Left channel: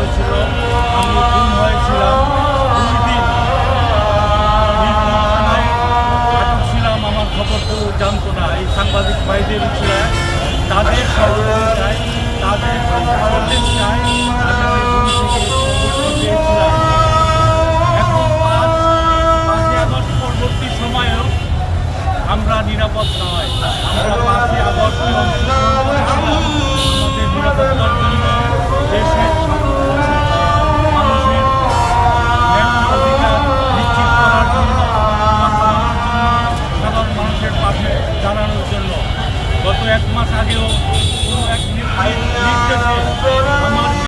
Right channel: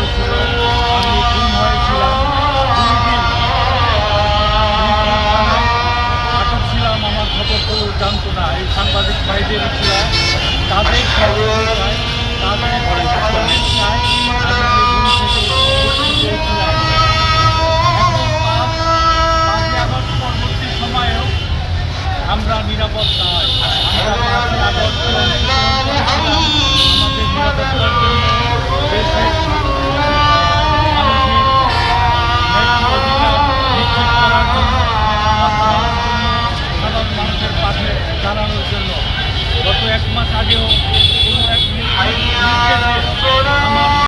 হয়েছিল আমি খুন হয়েছিলাম। দুই ছিলাম, আমার খবর কেউ জানতো না। এই সাংবাদিক ভাইদের ছিল, তাদের সহযোগিতায় তাদের পেয়েছিলাম এখন পাঁচ পাঁচই পরবর্তী সময়েও আমরা নিরাপদ নয়। আমরা পাঁচই আগস্টে জানানোর জন্য গত এক মাস আগেও